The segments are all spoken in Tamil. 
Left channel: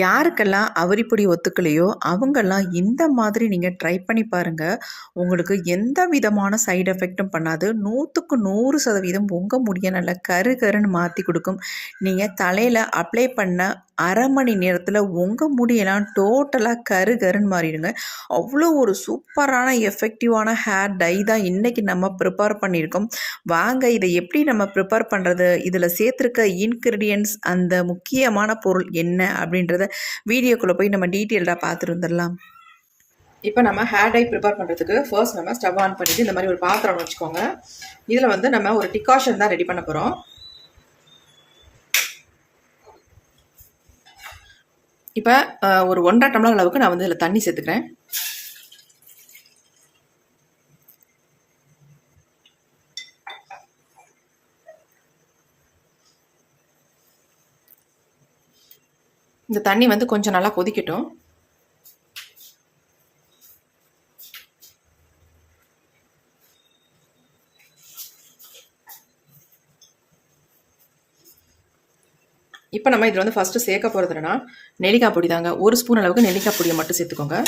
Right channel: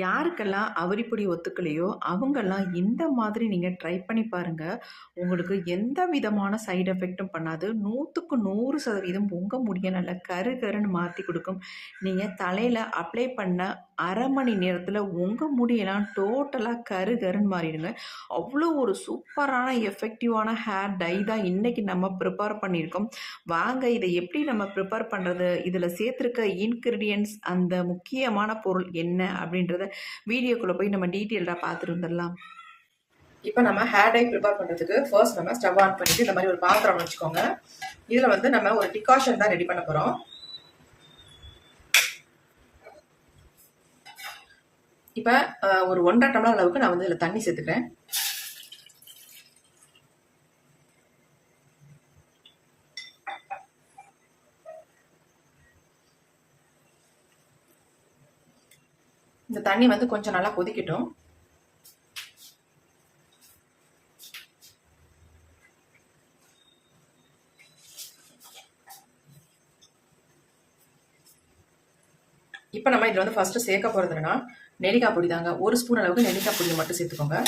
யாருக்கெல்லாம் அவரிப்பொடி ஒத்துக்கலையோ அவங்கெல்லாம் இந்த மாதிரி நீங்கள் ட்ரை பண்ணி பாருங்கள் உங்களுக்கு எந்த விதமான சைடு எஃபெக்ட்டும் பண்ணாது. நூற்றுக்கு நூறு சதவீதம் உங்கள் முடிய நல்லா கரு கருன்னு மாற்றி கொடுக்கும். நீங்கள் தலையில் அப்ளை பண்ண அரை மணி நேரத்தில் உங்கள் முடியெல்லாம் டோட்டலாக கரு கருன்னு மாறிடுங்க. அவ்வளோ ஒரு சூப்பரான எஃபெக்டிவான ஹேர் டை தான் இன்றைக்கி நம்ம ப்ரிப்பேர் பண்ணியிருக்கோம். வாங்க இதை எப்படி நம்ம ப்ரிப்பேர் பண்ணுறது இதில் சேர்த்துருக்க இன்க்ரீடியன்ட்ஸ் அந்த முக்கியமான பொருள் என்ன அப்படின்றத வீடியோக்குள்ளே போய் நம்ம டீட்டெயில்டாக பார்த்துட்டு வந்துடலாம். இப்போ நம்ம ஹேர் டை ப்ரிப்பேர் பண்ணுறதுக்கு ஃபர்ஸ்ட் நம்ம ஸ்டவ் ஆன் பண்ணிட்டு இந்த மாதிரி ஒரு பாத்திரம் வச்சுக்கோங்க. இதில் வந்து நம்ம ஒரு டிகாஷன் தான் ரெடி பண்ண போகிறோம் இப்போ ஒரு ஒன்றரை டம்ளர் அளவுக்கு நான் வந்து இதில் தண்ணி சேர்த்துக்கிறேன். இந்த தண்ணி வந்து கொஞ்சம் நல்லா கொதிக்கட்டும். இப்போ நம்ம இதில் வந்து ஃபஸ்ட்டு சேர்க்க போகிறது என்னன்னா நெல்லிக்காய் பொடி தாங்க. ஒரு ஸ்பூன் அளவுக்கு நெல்லிக்காய் பொடியை மட்டும் சேர்த்துக்கோங்க.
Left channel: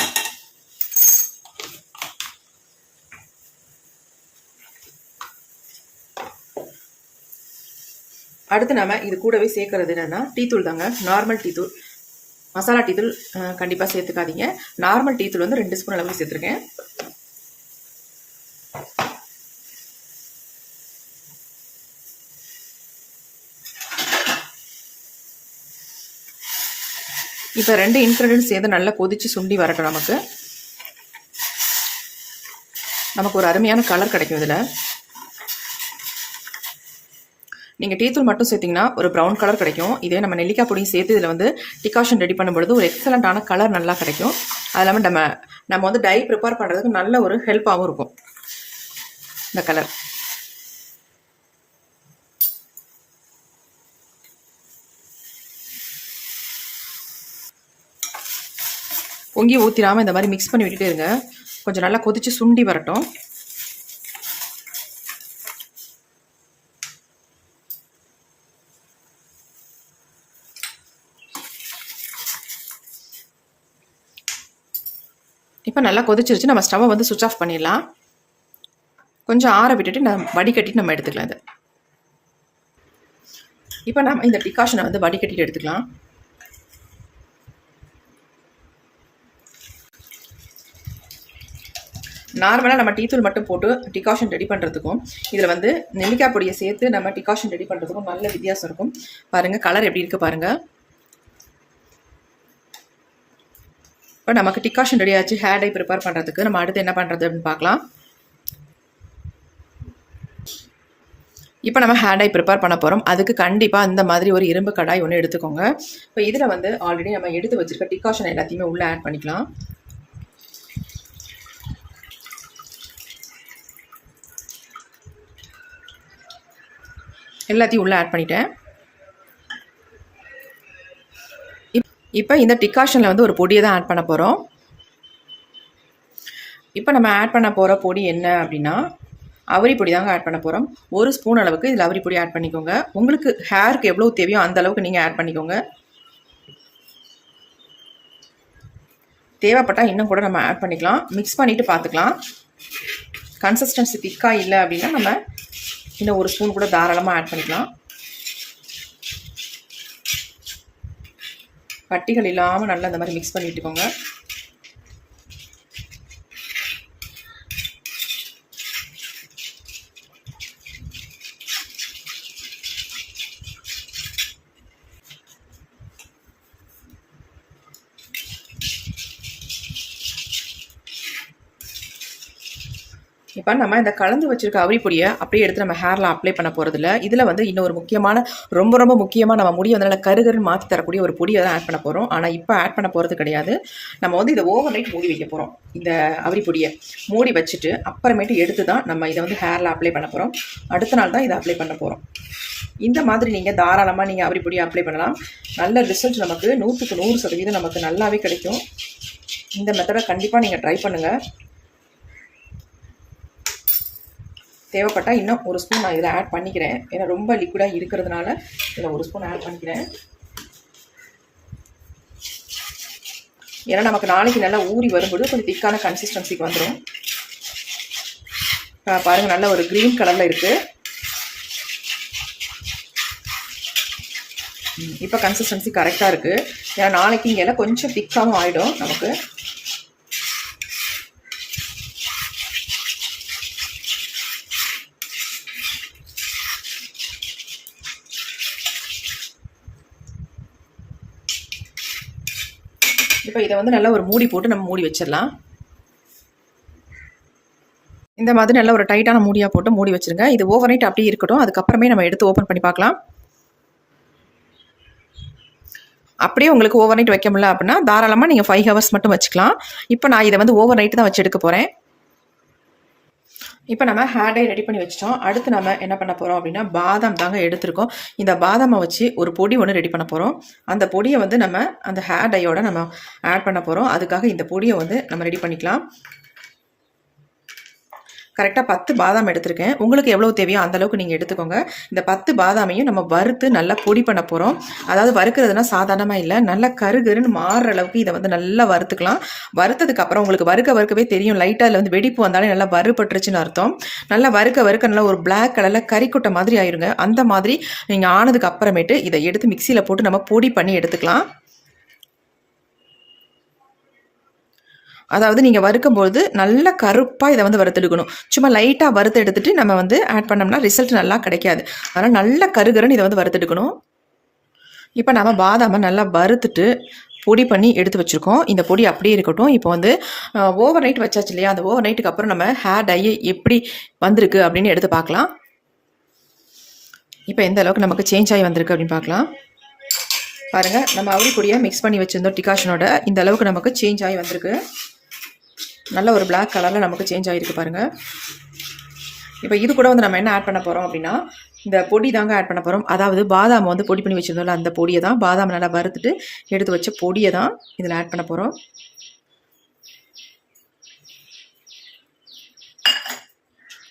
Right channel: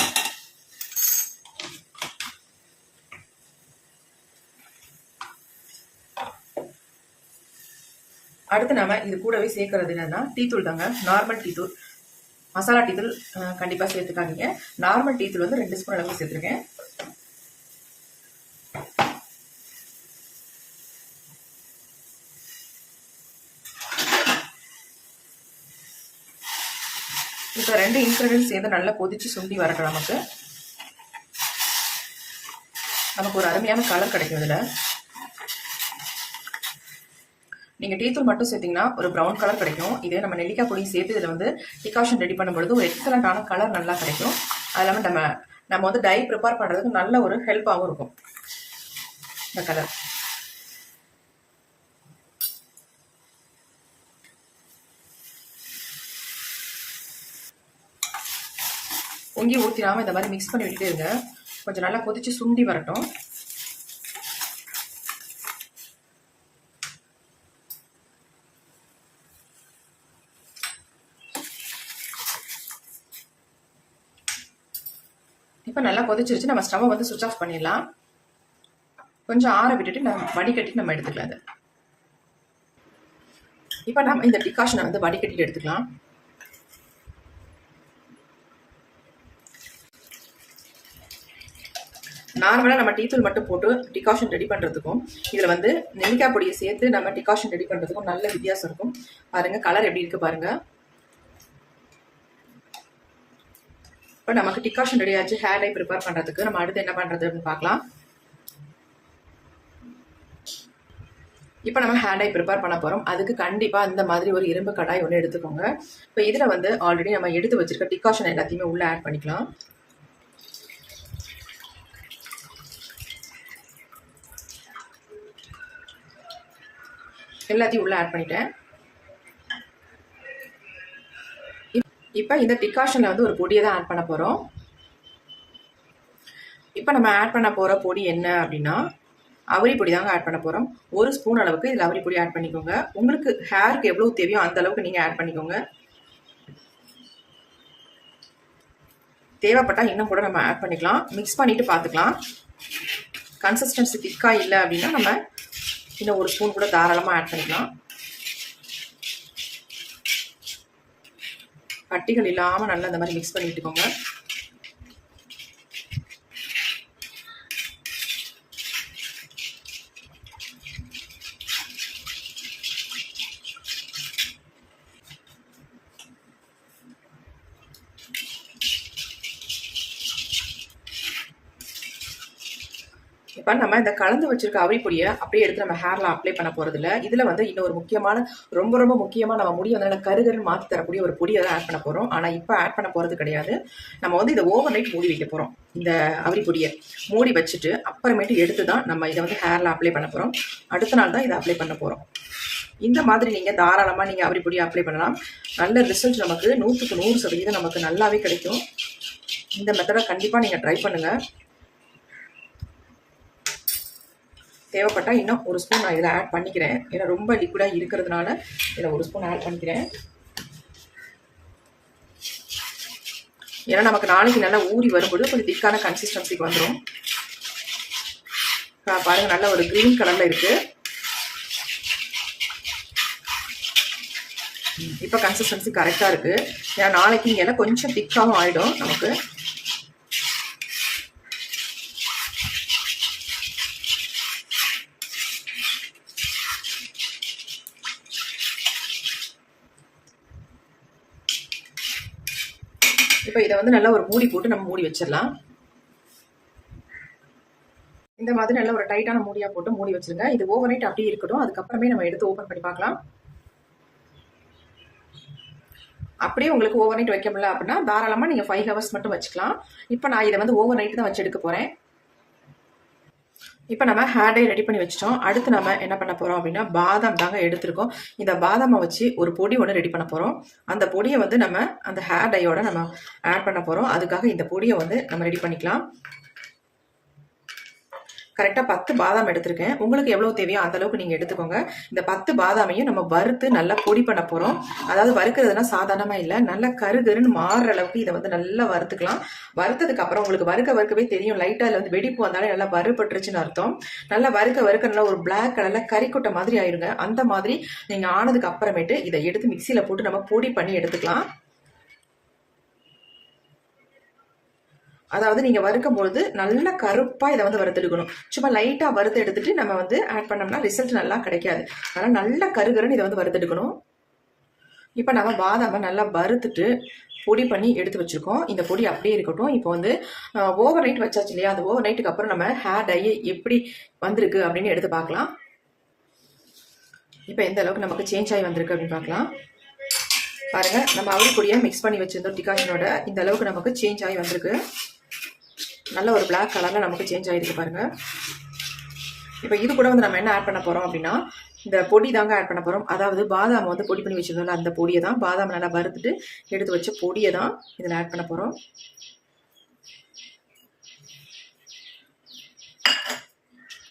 அடுத்து நம்ம இது கூடவே சேர்க்கறது என்னன்னா டீத்தூள் தாங்க. நார்மல் டீத்தூள். மசாலா டீத்தூள் கண்டிப்பாக சேர்த்துக்காதீங்க. நார்மல் டீத்தூள் வந்து ரெண்டு ஸ்பூன் அளவுக்கு சேர்த்துருக்கேன். இப்போ ரெண்டு இன்க்ரீடியன்ஸ் சேர்ந்து நல்லா கொதிச்சு சுண்டி வரட்டும் நமக்கு. நமக்கு ஒரு அருமையான கலர் கிடைக்கும் இதில். நீங்கள் டீத்தூள் மட்டும் சேர்த்திங்கன்னா ஒரு ப்ரௌன் கலர் கிடைக்கும். இதே நம்ம நெல்லிக்காய் பொடியும் சேர்த்து இதில் வந்து டிகாஷன் ரெடி பண்ணும்பொழுது ஒரு எக்ஸலண்ட்டான கலர் நல்லா கிடைக்கும். அது இல்லாமல் நம்ம நம்ம வந்து டை ப்ரிப்பேர் பண்ணுறதுக்கு நல்ல ஒரு ஹெல்ப்பாகவும் இருக்கும். இந்த கலர் பொங்கி ஊற்றிடாமல் இந்த மாதிரி மிக்ஸ் பண்ணி விட்டுட்டே இருங்க. கொஞ்சம் நல்லா கொதித்து சுண்டி வரட்டும். இப்போ நல்லா கொதிச்சிருச்சு. நம்ம ஸ்டவ்வை வந்து சுவிச் ஆஃப் பண்ணிடலாம். கொஞ்சம் ஆற விட்டுட்டு நம்ம வடிகட்டிட்டு நம்ம எடுத்துக்கலாம் இதை. இப்போ நம்ம இந்த டிகாஷனை வந்து வடிகட்டிட்டு எடுத்துக்கலாம். நார்மலாக நம்ம டீத்தூள் மட்டும் போட்டு டிகாஷன் ரெடி பண்ணுறதுக்கும் இதில் வந்து நெல்லிக்காய் பொடியை சேர்த்து நம்ம டிகாஷன் ரெடி பண்ணுறதுக்கும் நல்ல வித்தியாசம் இருக்கும். பாருங்கள் கலர் எப்படி இருக்குது பாருங்கள் இப்போ நமக்கு டிகாஷன் ரெடி ஆச்சு ஹேர் டை ப்ரிப்பேர் பண்ணுறதுக்கு நம்ம அடுத்து என்ன பண்ணுறது அப்படின்னு பார்க்கலாம். இப்போ நம்ம ஹேர் டை ப்ரிப்பேர் பண்ண போகிறோம் அதுக்கு கண்டிப்பாக அந்த மாதிரி ஒரு இரும்பு கடாய் ஒன்று எடுத்துக்கோங்க. இப்போ இதில் வந்து ஆல்ரெடி நம்ம எடுத்து வச்சிருக்க டிகாஷன் எல்லாத்தையுமே உள்ளே ஆட் பண்ணிக்கலாம். எல்லாத்தையும் உள்ளே ஆட் பண்ணிட்டேன். இப்போ இந்த டிகாஷனில் வந்து ஒரு பொடியை தான் ஆட் பண்ண போகிறோம் இப்போ நம்ம ஆட் பண்ண போகிற பொடி என்ன அப்படின்னா அவரி பொடி தாங்க ஆட் பண்ண போகிறோம் ஒரு ஸ்பூன் அளவுக்கு இதில் அவரி பொடி ஆட் பண்ணிக்கோங்க. உங்களுக்கு ஹேருக்கு எவ்வளோ தேவையோ அந்த அளவுக்கு நீங்கள் ஆட் பண்ணிக்கோங்க. தேவைப்பட்டால் இன்னும் கூட நம்ம ஆட் பண்ணிக்கலாம். மிக்ஸ் பண்ணிவிட்டு பார்த்துக்கலாம் கன்சிஸ்டன்சி திக்காக இல்லை அப்படின்னா நம்ம இன்னும் ஒரு ஸ்பூன் கூட தாராளமாக ஆட் பண்ணிக்கலாம். கட்டிகள் இல்லாமல் நல்லா இந்த மாதிரி மிக்ஸ் பண்ணிட்டுக்கோங்க. இப்போ நம்ம இந்த கலந்து வச்சிருக்க அவரிப்பொடியை பொடியை அப்படியே எடுத்து நம்ம ஹேரில் அப்ளை பண்ண போகிறதில்ல இதில் வந்து இன்னொரு முக்கியமான ரொம்ப ரொம்ப முக்கியமாக நம்ம முடியை வந்து நல்லா கருகருன்னு மாற்றி தரக்கூடிய ஒரு பொடியை தான் ஆட் பண்ண போகிறோம் ஆனால் இப்போ ஆட் பண்ண போகிறது கிடையாது. நம்ம வந்து இதை ஓவர் நைட் மூடி வைக்க போகிறோம் இந்த அவரி பொடியை மூடி வச்சுட்டு அப்புறமேட்டு எடுத்து தான் நம்ம இதை வந்து ஹேரில் அப்ளை பண்ண போகிறோம் அடுத்த நாள் தான் இதை அப்ளை பண்ண போகிறோம் இந்த மாதிரி நீங்கள் தாராளமாக நீங்கள் அவரி பொடியை அப்ளை பண்ணலாம். நல்ல ரிசல்ட் நமக்கு நூற்றுக்கு நூறு சதவீதம் நமக்கு நல்லாவே கிடைக்கும். இந்த மெத்தடை கண்டிப்பாக நீங்கள் ட்ரை பண்ணுங்கள் தேவைப்பட்டால் இன்னும் ஒரு ஸ்பூன் நான் இதில் ஆட் பண்ணிக்கிறேன். ஏன்னா ரொம்ப லிக்விடாக இருக்கிறதுனால இதில் ஒரு ஸ்பூன் ஆட் பண்ணிக்கிறேன். ஏன்னா நமக்கு நாளைக்கு நல்லா ஊறி வரும்போது கொஞ்சம் திக்கான கன்சிஸ்டன்சிக்கு வந்துடும் பாருங்கள் நல்ல ஒரு க்ரீன் கலரில் இருக்குது இப்போ கன்சிஸ்டன்சி கரெக்டாக இருக்குது ஏன்னா நாளைக்கு இங்கே கொஞ்சம் திக்காகவும் ஆகிடும் நமக்கு. இப்போ இதை வந்து நல்லா ஒரு மூடி போட்டு நம்ம மூடி வச்சிடலாம். இந்த மாதிரி நல்ல ஒரு டைட்டான மூடியாக போட்டு மூடி வச்சுருங்க. இது ஓவர் நைட் அப்படியே இருக்கட்டும். அதுக்கப்புறமே நம்ம எடுத்து ஓப்பன் பண்ணி பார்க்கலாம். அப்படியே உங்களுக்கு ஓவர் நைட் வைக்க முடியல அப்படின்னா தாராளமாக நீங்கள் ஃபைவ் ஹவர்ஸ் மட்டும் வச்சுக்கலாம். இப்போ நான் இதை வந்து ஓவர் நைட்டு தான் வச்சு எடுக்க போகிறேன் இப்போ நம்ம ஹேர் டை ரெடி பண்ணி வச்சிட்டோம். அடுத்து நம்ம என்ன பண்ண போகிறோம் அப்படின்னா பாதாம் தாங்க எடுத்திருக்கோம். இந்த பாதாமை வச்சு ஒரு பொடி ஒன்று ரெடி பண்ண போகிறோம் அந்த பொடியை வந்து நம்ம அந்த ஹேர் டையோட நம்ம ஆட் பண்ண போகிறோம் அதுக்காக இந்த பொடியை வந்து நம்ம ரெடி பண்ணிக்கலாம். கரெக்டாக பத்து பாதாம் எடுத்திருக்கேன். உங்களுக்கு எவ்வளோ தேவையோ அந்த அளவுக்கு நீங்கள் எடுத்துக்கோங்க. இந்த பத்து பாதாமையும் நம்ம வறுத்து நல்லா பொடி பண்ண போகிறோம் அதாவது வறுக்கிறதுனா சாதாரணமாக இல்லை. நல்லா கருகருன்னு மாறுற அளவுக்கு இதை வந்து நல்லா வறுத்துக்கலாம். வறுத்ததுக்கு அப்புறம் உங்களுக்கு வறுக்க வறுக்கவே தெரியும். லைட்டாக அதில் வந்து வெடிப்பு வந்தாலே நல்லா வறுபட்டுருச்சுன்னு அர்த்தம். நல்லா வறுக்க வறுக்க நல்லா ஒரு பிளாக் கலரில் கறிக்குட்டை மாதிரி ஆயிருங்க. அந்த மாதிரி நீங்கள் ஆனதுக்கு அப்புறமேட்டு இதை எடுத்து மிக்சியில் போட்டு நம்ம பொடி பண்ணி எடுத்துக்கலாம். அதாவது நீங்கள் வறுக்கும்போது நல்ல கருப்பாக இதை வந்து வறுத்தெடுக்கணும். சும்மா லைட்டாக வறுத்து எடுத்துட்டு நம்ம வந்து ஆட் பண்ணோம்னா ரிசல்ட் நல்லா கிடைக்காது. அதனால் நல்ல கருகருன்னு இதை வந்து வறுத்தெடுக்கணும். இப்போ நம்ம பாதாமை நல்லா வறுத்துட்டு பொடி பண்ணி எடுத்து வச்சுருக்கோம். இந்த பொடி அப்படியே இருக்கட்டும். இப்போ வந்து ஓவர் நைட் வச்சாச்சு இல்லையா? அந்த ஓவர் நைட்டுக்கு அப்புறம் நம்ம ஹேர் டையை எப்படி வந்திருக்கு அப்படின்னு எடுத்து பார்க்கலாம். இப்போ எந்த அளவுக்கு நமக்கு சேஞ்ச் ஆகி வந்திருக்கு அப்படின்னு பார்க்கலாம். பாருங்கள் நம்ம அவரி பொடியை மிக்ஸ் பண்ணி வச்சுருந்தோம் டிகாஷனோட. இந்த அளவுக்கு நமக்கு சேஞ்ச் ஆகி வந்திருக்கு. நல்ல ஒரு பிளாக் கலரில் நமக்கு சேஞ்ச் ஆகிருக்கு பாருங்கள் இப்போ இது கூட வந்து நம்ம என்ன ஆட் பண்ண போகிறோம் அப்படின்னா இந்த பொடி தாங்க ஆட் பண்ண போகிறோம் அதாவது பாதாம் வந்து பொடி பண்ணி வச்சுருந்தோம்ல அந்த பொடியை தான். பாதாம் நல்லா வறுத்துட்டு எடுத்து வச்ச பொடியை தான் இதில் ஆட் பண்ண போகிறோம்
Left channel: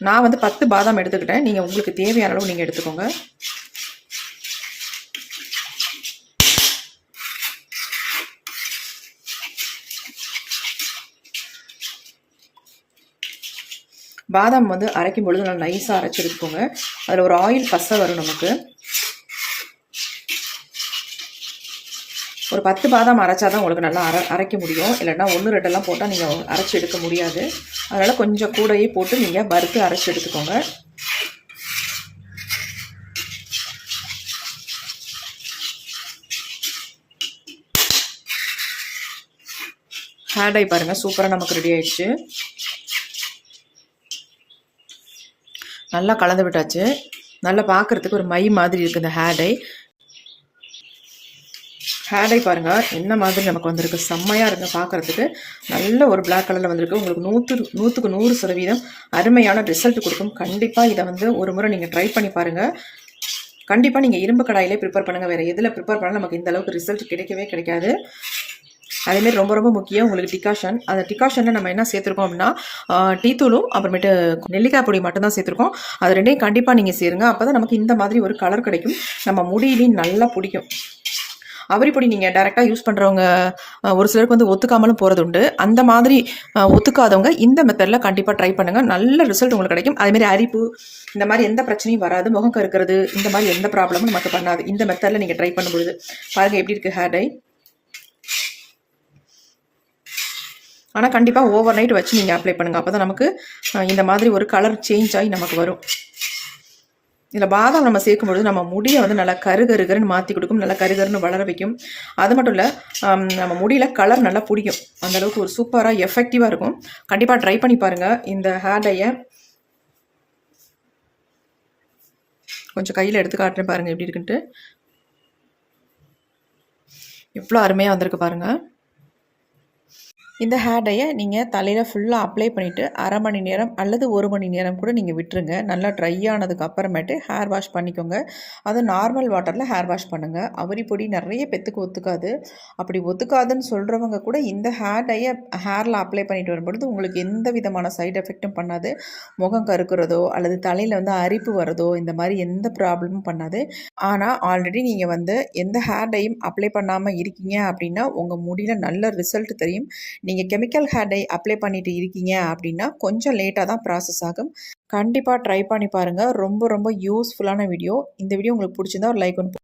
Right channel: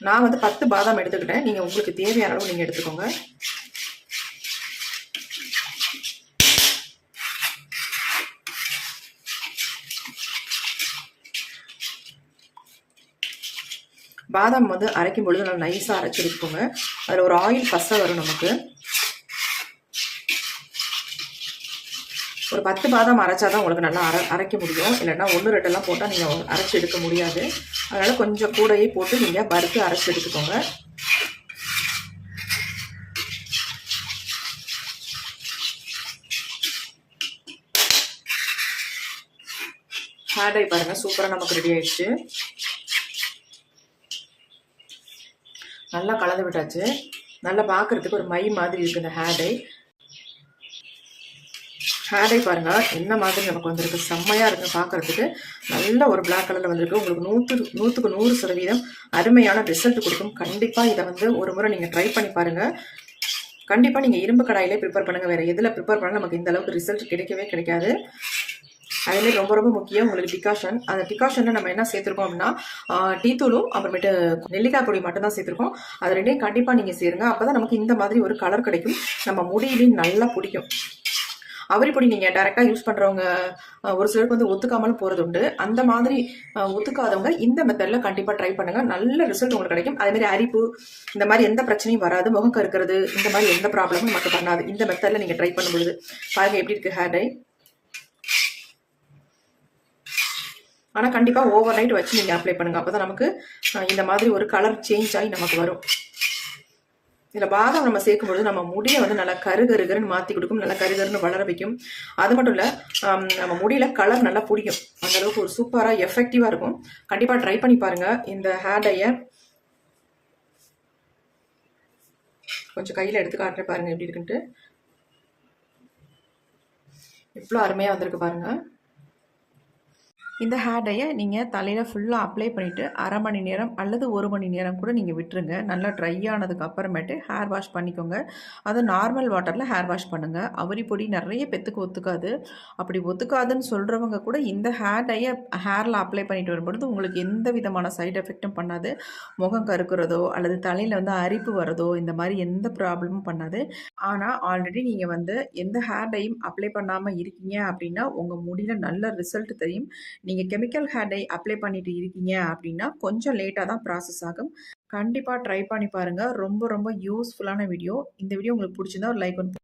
நான் வந்து பத்து பாதாம் எடுத்துக்கிட்டேன். நீங்கள் உங்களுக்கு தேவையான அளவு நீங்கள் எடுத்துக்கோங்க. பாதாம் வந்து அரைக்கும் பொழுது நல்லா நைஸாக அரைச்சி எடுத்துக்கோங்க. அதில் ஒரு ஆயில் பசை வரும் நமக்கு. ஒரு பத்து பாதாம் அரைச்சா தான் உங்களுக்கு நல்லா அரை அரைக்க முடியும். இல்லைன்னா ஒன்று ரெண்டெல்லாம் போட்டால் நீங்கள் அரைச்சி எடுக்க முடியாது. அதனால் கொஞ்சம் கூடையே போட்டு நீங்கள் வறுத்து அரைச்சி எடுத்துக்கோங்க. ஹேர் டை பாருங்கள் சூப்பராக நமக்கு ரெடி ஆயிடுச்சு. நல்லா கலந்து விட்டாச்சு. நல்லா பார்க்குறதுக்கு ஒரு மை மாதிரி இருக்குது இந்த ஹேர் டை. ஹேர் டை பாருங்கள் என்ன மாதிரி நமக்கு வந்திருக்கு. செம்மையாக இருக்குது பார்க்குறதுக்கு நல்ல ஒரு பிளாக் கலரில் வந்திருக்கு. உங்களுக்கு நூற்று நூற்றுக்கு நூறு சதவீதம் அருமையான ரிசல்ட் கொடுக்கும். கண்டிப்பாக இதை வந்து ஒரு முறை நீங்கள் ட்ரை பண்ணி பாருங்கள் கண்டிப்பாக நீங்கள் இரும்பு கடாயிலே ப்ரிப்பேர் பண்ணுங்கள் வேறு எதில் ப்ரிப்பேர் பண்ணால் நமக்கு இந்த அளவுக்கு ரிசல்ட் கிடைக்கவே கிடைக்காது. அதேமாரி ரொம்ப ரொம்ப முக்கியம் உங்களுக்கு டிகாஷன் அந்த டிகாஷனில் நம்ம என்ன சேர்த்துருக்கோம் அப்படின்னா டீ தூளும் அப்புறமேட்டு நெல்லிக்காய் பொடி மட்டும்தான் சேர்த்துருக்கோம். அது ரெண்டையும் கண்டிப்பாக நீங்கள் சேருங்க. அப்போ தான் நமக்கு இந்த மாதிரி ஒரு கலர் கிடைக்கும். நம்ம முடியிலையும் நல்லா பிடிக்கும். அவரி பொடி நீங்கள் டேரெக்டாக யூஸ் பண்ணுறவங்க ஒரு சிலருக்கு வந்து ஒத்துக்காமலும் போகிறது உண்டு. அந்த மாதிரி ஒத்துக்காதவங்க இந்த மெத்தடில் கண்டிப்பாக ட்ரை பண்ணுங்கள் நல்ல ரிசல்ட் உங்களுக்கு கிடைக்கும். அதேமாரி அரிப்பு இந்த மாதிரி எந்த பிரச்சனையும் வராது. முகம் கருக்கிறது இந்த மாதிரி எந்த ப்ராப்ளமும் நமக்கு பண்ணாது. இந்த மெத்தடில் நீங்கள் ட்ரை பண்ணும்பொழுது பாருங்கள் எப்படி இருக்குது ஹேர் டை ஆனால் கண்டிப்பாக ஓவர் நைட் வச்சு நீங்கள் அப்ளை பண்ணுங்கள் அப்போ தான் நமக்கு இந்த மாதிரி ஒரு கலர் சேஞ்ச் ஆகி நமக்கு வரும். இதில் பாதாம் நம்ம சேர்க்கும்பொழுது நம்ம முடியை வந்து நல்லா கருகருகருன்னு மாற்றி கொடுக்கும் நல்லா கருகருன்னு வளர வைக்கும். அது மட்டும் இல்லை நம்ம முடியில் கலர் நல்லா பிடிக்கும். அந்தளவுக்கு ஒரு சூப்பராக எஃபெக்டிவாக இருக்கும். கண்டிப்பாக ட்ரை பண்ணி பாருங்கள் இந்த ஹேர் டையை கொஞ்சம் கையில் எடுத்து காட்டுறேன் பாருங்கள் எப்படி இருக்குன்ட்டு. எவ்வளோ அருமையாக வந்திருக்கு பாருங்கள் இந்த ஹேர் டையை நீங்கள் தலையில் ஃபுல்லாக அப்ளை பண்ணிவிட்டு அரை மணி நேரம் அல்லது ஒரு மணி நேரம் கூட நீங்கள் விட்டுருங்க. நல்லா ட்ரை ஆனதுக்கு அப்புறமேட்டு ஹேர் வாஷ் பண்ணிக்கோங்க. அது நார்மல் வாட்டரில் ஹேர் வாஷ் பண்ணுங்கள் அவரி பொடி நிறைய பெத்துக்கு ஒத்துக்காது. அப்படி ஒத்துக்காதுன்னு சொல்கிறவங்க கூட இந்த ஹேர் டையை ஹேரில் அப்ளை பண்ணிட்டு வரும்பொழுது உங்களுக்கு எந்த விதமான சைடு எஃபெக்ட்டும் பண்ணாது. முகம் கருக்கிறதோ அல்லது தலையில் வந்து அரிப்பு வரதோ இந்த மாதிரி எந்த ப்ராப்ளமும் பண்ணாது. ஆனால் ஆல்ரெடி நீங்கள் வந்து எந்த ஹேர் டையும் அப்ளை பண்ணாமல் இருக்கீங்க அப்படின்னா உங்கள் முடியில் நல்ல ரிசல்ட் தெரியும். நீங்கள் கெமிக்கல் ஹேர் டை அப்ளை பண்ணிட்டு இருக்கீங்க அப்படின்னா கொஞ்சம் லேட்டாக தான் ப்ராசஸ் ஆகும். கண்டிப்பாக ட்ரை பண்ணி பாருங்கள் ரொம்ப ரொம்ப யூஸ்ஃபுல்லான வீடியோ இந்த வீடியோ உங்களுக்கு பிடிச்சிருந்தா ஒரு லைக் ஒன்று